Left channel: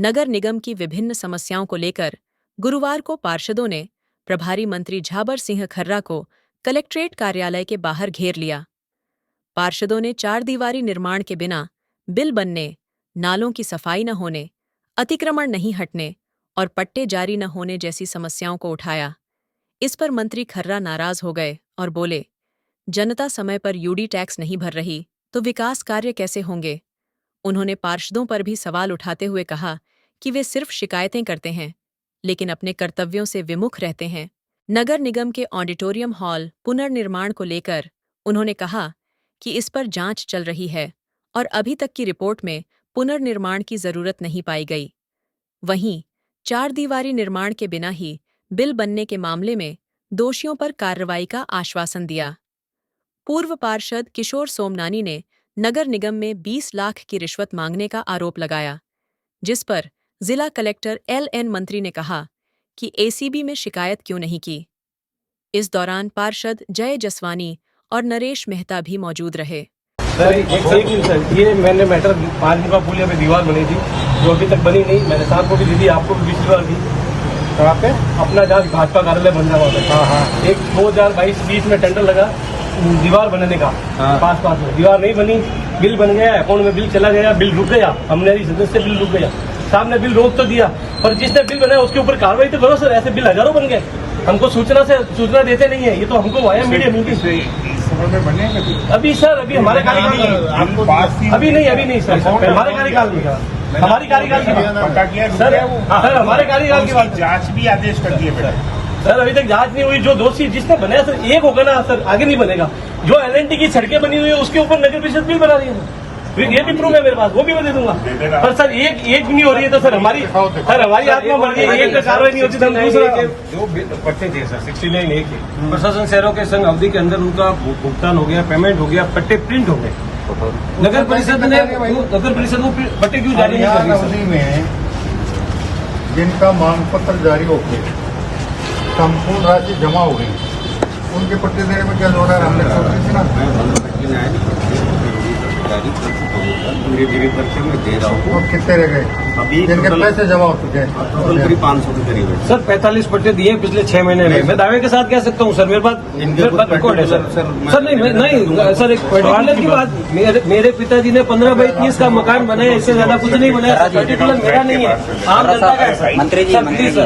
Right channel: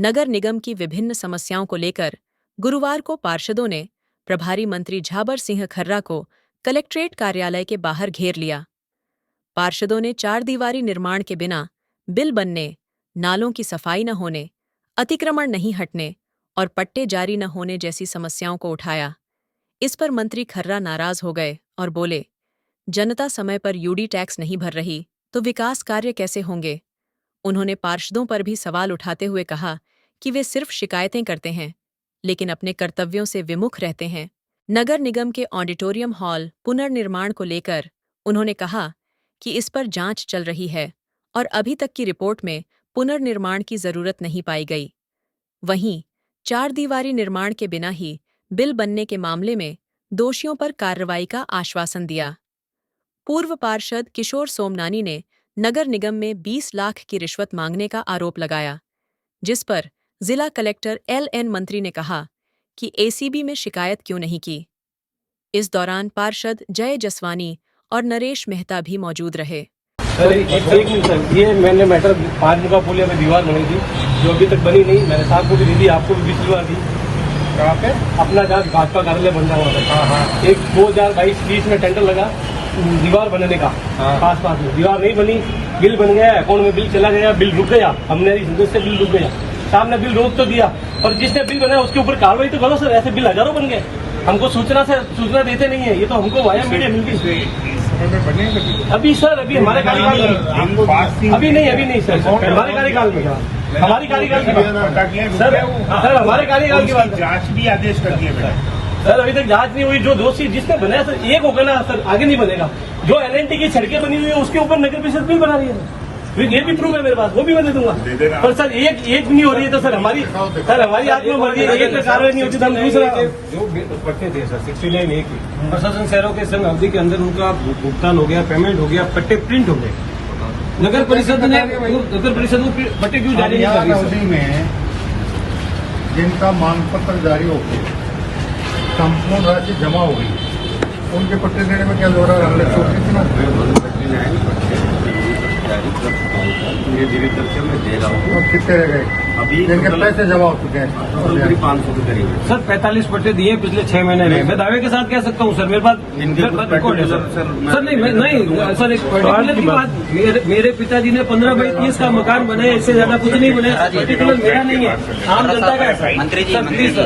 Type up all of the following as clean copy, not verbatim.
नगर निगम की विभिन्न समस्याओं को लेकर गुरुवार को पार्षदों ने प्रभारी मंत्री झाबर सिंह खर्रा को कलेक्ट्रेट कार्यालय के बाहर घेर लिया। पार्षदों ने चार दीवारी निर्माण के बिना बिल बनने, नालों की सफाई न होने, अतिक्रमण नहीं हटने और पट्टे जारी न होने जैसी समस्याओं को उठाया। इस पर मंत्री खर्रा नाराज हो गए और बोले, जनता समय पर यूडी टैक्स नहीं भर रही तो विकास कार्य कैसे होंगे। उन्होंने पार्षदों पर भी सवाल उठाते हुए कहा कि वे सिर्फ शिकायतें करते हैं लेकिन अपने कर्तव्यों से विमुख रहते हैं। नगर निगम के ऑडिटोरियम हॉल पुनर्निर्माण को लेकर उन्होंने कहा कि इस पर जांच चल रही है और अभी तक की रिपोर्ट में पुनर्निर्माण की जरूरत नहीं पाई गई। वहीं चार दीवारी निर्माण के बिना ही बिल बनने के मामले में दोषियों पर कार्रवाई का आश्वासन दिया। पूर्व पार्षद किशोर सोमनानी ने नगर निगम में 20 लाख की रिश्वत मांगने का आरोप लगाया, जिस पर जिला कलेक्टर LN मंत्री ने कहा कि ACB में शिकायत क्यों नहीं की। इस दौरान पार्षद जय जसवानी और नरेश मेहता भी मौजूद रहे। सर ये मैंने मैटर 5 डिब्बा पुलिया में दीवार बनी थी जो अभी तक बनी नहीं। मैंने साहब को भी दी थी, आपको भी 20 बार दी। कहाँ पे? अपना जहाँ भाजपा कार्यालय बन रहा था, एक 2022-20 में टेंडर लगा दीवार बनने का, पास में दीवार नहीं बनी, बिल बन गया, अकाउंट में बिल चला गया, बिल रुक गया, हमने सदस्य बिल रुक गया। साहब ने बिल रोक तो दिया पर जिसने बिल बनाया उसके ऊपर कार्रवाई तो करो सर। ऐसे बिल हजारों बन गए, हमको सूचना देते नहीं है। ये तो हमको वाया मीडिया मिलती अभी सर, अभी हमारे कार्यकाल में अभी नहीं सर, हमारे कार्यकाल में हमारी कार्यकाल की बात सर हमारे कार्यकाल की बात। जांच भी आदेश कर दिए सर, अभी तक जांच नहीं हुई। जो दोषी जिसने बनाया सर एक होगा ना सर, आगे नहीं बनेगा। जो LNT की सड़कें बनी हुई है उसके ऊपर नगर परिषद बिल बना रही है सर, ये भी प्रूफ है मेरे पास, वो भी मैं दे दूंगा। पर सर एक भी नहीं हो रही है तो सर हमारी आत्मा मर्जी है, एक कार्रवाई नहीं होती तो हम दूसरा जो पट्टे थे सर 60 लेन एक ही प्रशासन शहरों के संघ अवधि के अंदर उनका भुगतान हो गया, पेमेंट हो गया, पट्टे प्रिंट हो गए। नगर परिषद ने पट्टे क्यों जारी नहीं कर उसी में जिनका मांग पत्र जारी हो गया, संपूर्ण राशि जमा हो गई, उनके पट्टे देने में क्या हो रहा है? हमने सोची थी ना और कितने रह गए अभी जिनके पैसे जमा हो चुके हैं? 500 के करीब सर। 45 पट्टे दिए पिछले 6 महीने में। मैं दावे के साथ कह सकता हूँ सर, मेरे पास रिकॉर्ड है सर। नहीं सर, एक की बात, मेरे पिताजी ने 15/30 का मकान बनाया, इससे ज्यादा कुछ नहीं बनाया। पर्टिकुलर मेरा नहीं है, आम जनता का है सर। मंत्री जी,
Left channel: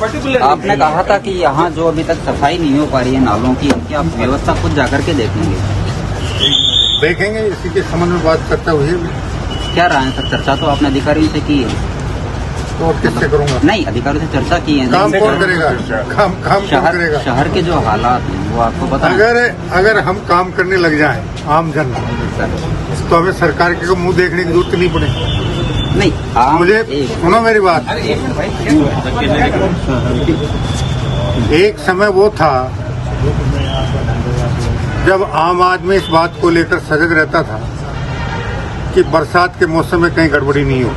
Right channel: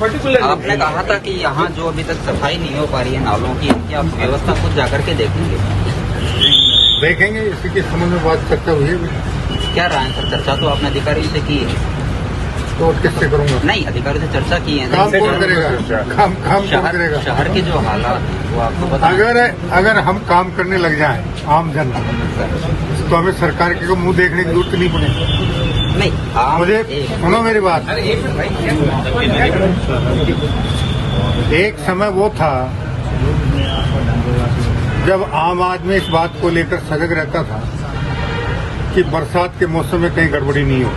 पर्टिकुलर आपने कहा था कि यहाँ जो अभी तक सफाई नहीं हो पा रही है नालों की, आप व्यवस्था खुद जाकर के देखेंगे। इसी के संबंध में बात चर्चा हुई है। क्या रहा है सर? चर्चा तो आपने अधिकारियों से की है। तो और किससे करूंगा? नहीं, अधिकारियों से चर्चा की है। काम कौन करेगा? काम कौन करेगा? शहर के जो हालात हैं वो आपको पता अगर हम काम करने लग जाएं आम जन, तो हमें सरकार के मुंह देखने की जरूरत नहीं पड़ेगी। नहीं, मुझे सुनो मेरी बात। एक समय वो था जब आम आदमी इस बात को लेकर सजग रहता था कि बरसात के मौसम में कहीं गड़बड़ी नहीं हो।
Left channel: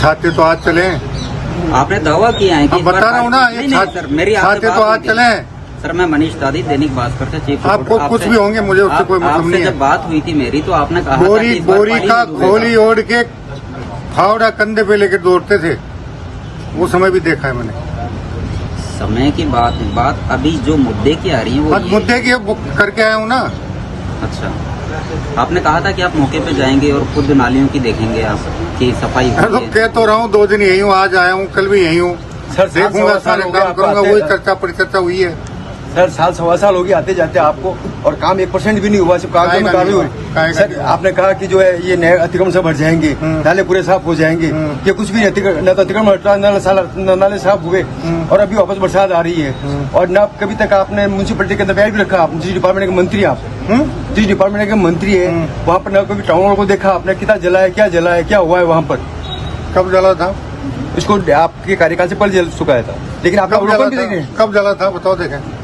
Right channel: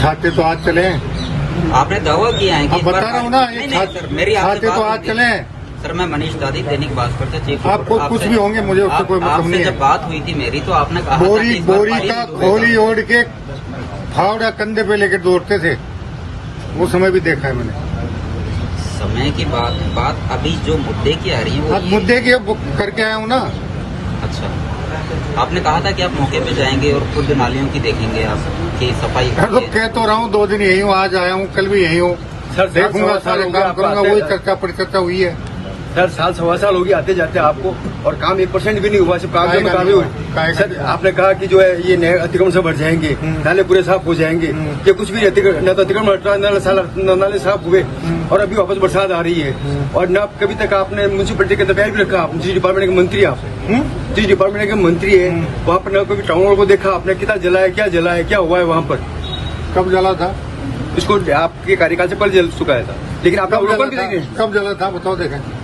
छाते तो आज चले, आपने दावा किया है कि अब बता रहा हूँ ना, ये छाते तो आज चले। सर, मैं मनीष दादी, दैनिक भास्कर से चीफ। आपको कुछ भी होंगे, मुझे उससे कोई मतलब नहीं है। जब बात हुई थी मेरी तो आपने कहा बोरी का खोली ओढ़ के फावड़ा कंधे पे लेकर दौड़ते थे, वो समय भी देखा है मैंने। समय की बात अभी जो मुद्दे की आ रही है वो मुद्दे की करके आया हूँ ना। अच्छा, आपने कहा था कि आप मौके पे जाएंगे और खुद नालियों की देखेंगे आप कि सफाई। तो कह तो रहा हूँ, 2 दिन यही हूँ, आज आया हूँ, कल भी यही हूँ, देखूंगा, सारे काम करूंगा। वही चर्चा परिचर्चा हुई है सर। 7-7 हो गए आते जाते आपको, और काम 1% भी नहीं हुआ, सिर्फ काम नहीं हुआ सर। आपने कहा कि जो है ये नहर अतिक्रमण से भर जाएंगे, नाले पूरे साफ हो जाएंगे, ये कुछ भी न तो अतिक्रमण हटा, नाले साफ हुए और अभी वापस बरसात आ रही है। और न कभी तक आपने म्यूनिसिपलिटी के अंदर बैठ भी रखा। आप म्यूनिसिपल डिपार्टमेंट के मंत्री, आप जिस डिपार्टमेंट के मंत्री है, वहाँ पर न कभी टाउन को देखा आपने, कितना जला है, क्या हुआ है वहाँ पर? कब जला था? इसको आपके कार्यकाल से पहले जल चुका है, लेकिन आप कब जला था बताओ? देखें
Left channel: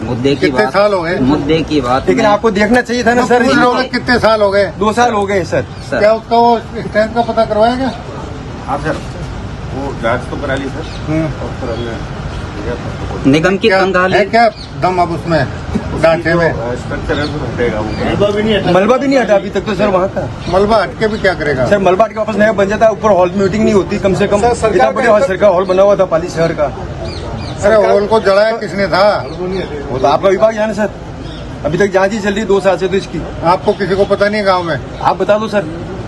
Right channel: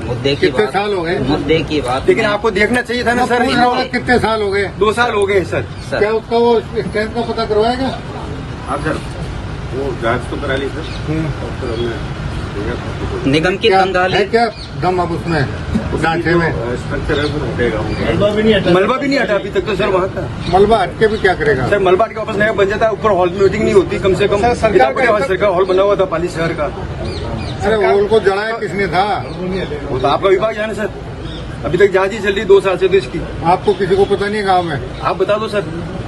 मुद्दे की कितने साल हो गए? मुद्दे की बात, लेकिन आपको देखना चाहिए था ना सर। कितने साल हो गए? 2 साल हो गए सर। क्या उसका वो स्टैंड का पता करवाएगा? वो जांच तो करा ली सर। निगम की क्या कंगाली है, क्या दम अब उसमें ढांचे में? मलबा भी नहीं हटा अभी तक तो सर वहाँ का। मलबा हटके भी क्या करेगा? सर मलबा के वापस नया बन जाता, ऊपर हॉल मीटिंग नहीं होती कम से कम। सर, सरकार का सरकार हॉल बना हुआ था पाली शहर का, अरे हॉल को जलाया किसने था? वो तो आपका विभाग है ना सर। अभी तक जांच ही चल रही 2 साल से तो इसकी। आपको किसी को पता नहीं गांव में? आप बता दो सर,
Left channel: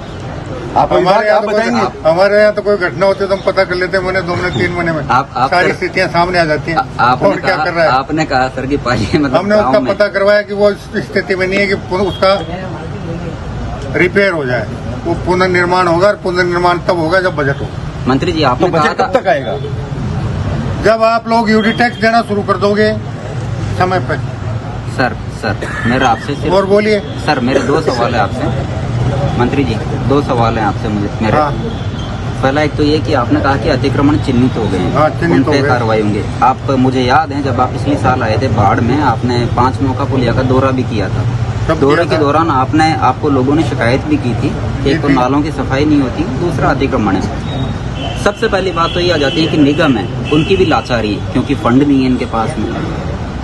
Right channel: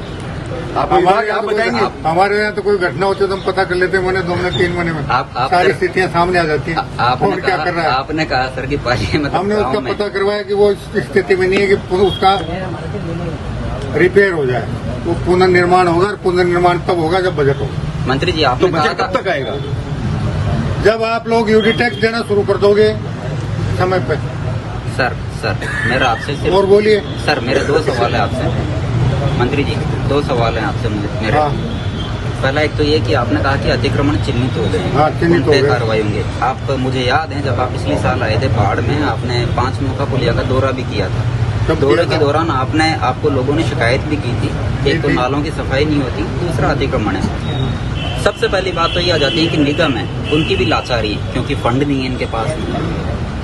आप हमारे यहाँ आप तो बताएंगे। हमारे यहाँ तो कोई घटना होती है तो हम पता कर लेते हैं, महीने 2 महीने 3 महीने में आप- सारी स्थितियाँ सामने आ जाती हैं। कौन क्या कर रहा है? आपने कहा सर कि पाली मतलब हमने उसका गाँव में- पता करवाया कि वो इस स्थिति में नहीं है कि उसका रिपेयर हो जाए, वो पुनर्निर्माण होगा, और पुनर्निर्माण तब होगा जब बजट होगा। मंत्री जी वो आपने कहा बजट कब था तक आएगा? जब आप लोग यूडी टैक्स देना शुरू कर दोगे समय पे। सर मेरा आपसे सिर्फ- और बोलिए। सर मेरे 2 सवाल है आपसे मंत्री जी, 2 सवाल है आपसे मेरे। हाँ पहला एक तो ये कि आपने कहा कि अतिक्रमण चिन्हित हो गए हैं, हाँ, चिन्हित उन पे हो गए। कार्रवाई होंगे। आप मुझे याद है जब आप पिछले साल आए थे बाढ़ में, आपने 5 नौका पुलिया का दौरा भी किया था। कब दौरे किया के था? दौरान आपको लोगों ने शिकायत भी की थी। एक तो थी। नालों की सफाई नहीं होती, दूसरा अतिक्रमण है। सबसे पहली बात तो ये आ जाती है कि निगम है, उनकी भी लाचारी है क्योंकि फंड नहीं है इनके पास में।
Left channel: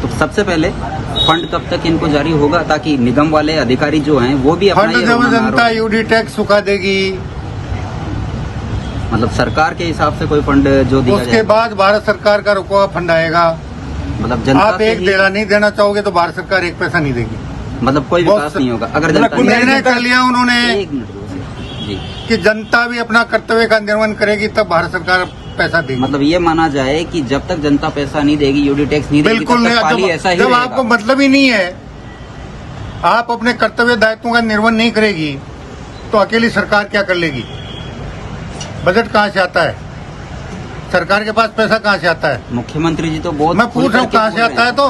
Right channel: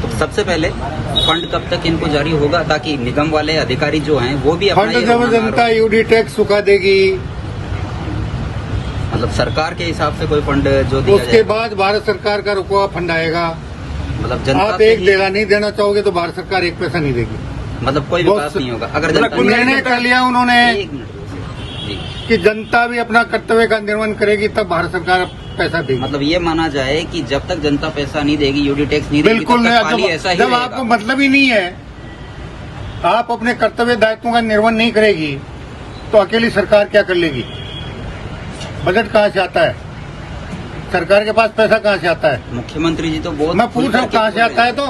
तो सबसे पहले फंड कब तक इनको जारी होगा ताकि निगम वाले अधिकारी जो हैं वो भी अपना फंड ये जब रोना जनता मारो। यूडी टैक्स चुका देगी मतलब सरकार के हिसाब से कोई फंड जो दिया उसके जाए, बाद भारत सरकार का रुका हुआ फंड आएगा। मतलब जनता आप से एक ही- देना नहीं देना चाहोगे तो भारत सरकार एक पैसा नहीं देगी। मतलब कोई बहुत विकास नहीं होगा अगर जनता ने- निर्णय कर लिया उन्होंने एक मिनट। जी, कि जनता भी अपना कर्तव्य का निर्वहन करेगी तब भारत सरकार पैसा देगी। मतलब ये माना जाए कि जब तक जनता पैसा नहीं देगी, यूडी टैक्स नहीं देगी, बिल्कुल तब तक नहीं। खाली ऐसा ही जब रहेगा। आपको मतलब ही नहीं है, आप अपने कर्तव्य दायित्वों का निर्वहन नहीं करेगी तो अकेली सरकार क्या कर लेगी? बजट कहाँ से आता है? सरकार के पास पैसा कहाँ से आता है? मुख्यमंत्री जी तो बहुत मैं पूछ रहा हूँ कहाँ से आता है? तो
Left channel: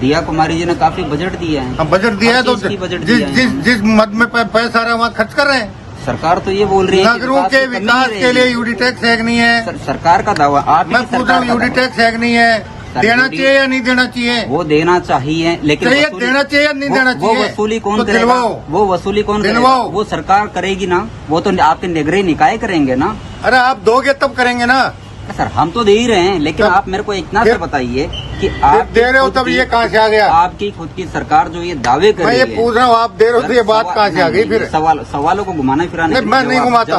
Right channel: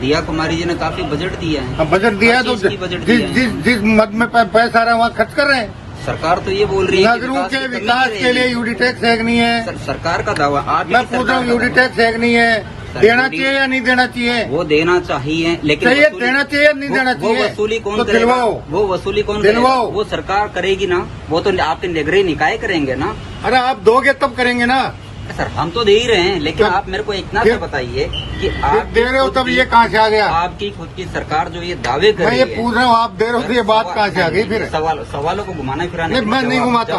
दिया कुमारी जी ने काफी बजट दिया है। हम बजट दिया है तो किसकी बजट जिस दिया है? जिस जिस मद में पैसा आ रहा है वहाँ खर्च कर रहे हैं। सरकार तो ये बोल रही है कि नगरों के कमी विकास नहीं के लिए रहेगी। यूडी टैक्स है कि नहीं है? सरकार का दावा मैं पूछ रहा हूँ यूडी टैक्स है कि नहीं है? देना चाहिए या नहीं देना चाहिए? वो देना चाहिए लेकिन चाहिए, वसूली- देना चाहिए या नहीं देना वो चाहिए? वसूली कौन तो करेगा? दिलवाओ। वो वसूली कौन दिलवाओ। करेगा? वो सरकार करेगी ना, वो तो आपके निगरानी निकाय करेंगे ना। अरे आप दोगे तब करेंगे ना। सर हम तो दे ही रहे हैं, लेकिन तब- आप मेरे को इतना फिर- तो बताइए कि फिर आप दे रहे हो तब ये कहाँ से आ गया? आपकी खुद की सरकार जो ये दावे कर मैं रही ये है, पूछ रहा हूँ, आप दे रहे हो तो ये बात कहाँ से आ गई फिर? सवालों को घुमाना फिराना नहीं, मैं नहीं घुमाता।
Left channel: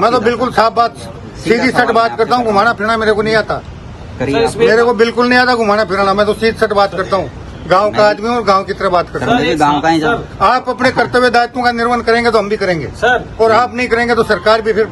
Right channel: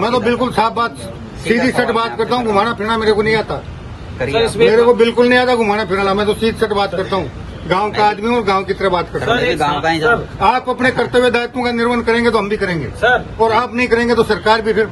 मैं तो बिल्कुल साफ बात, सीधी सट बात करता हूँ। घुमाना फिरना मेरे को नहीं आता। करिए। मेरे को बिल्कुल नहीं आता घुमाना फिराना। मैं तो सीधी सट बात करता हूँ। गांव का आदमी हूँ और गांव की तरह बात करता हूँ। मुझे गाँव का ही सर, आप अपने कर्तव्य दायित्वों का निर्वहन करेंगे तो हम भी करेंगे, सर और आप नहीं करेंगे तो सरकार भी फिर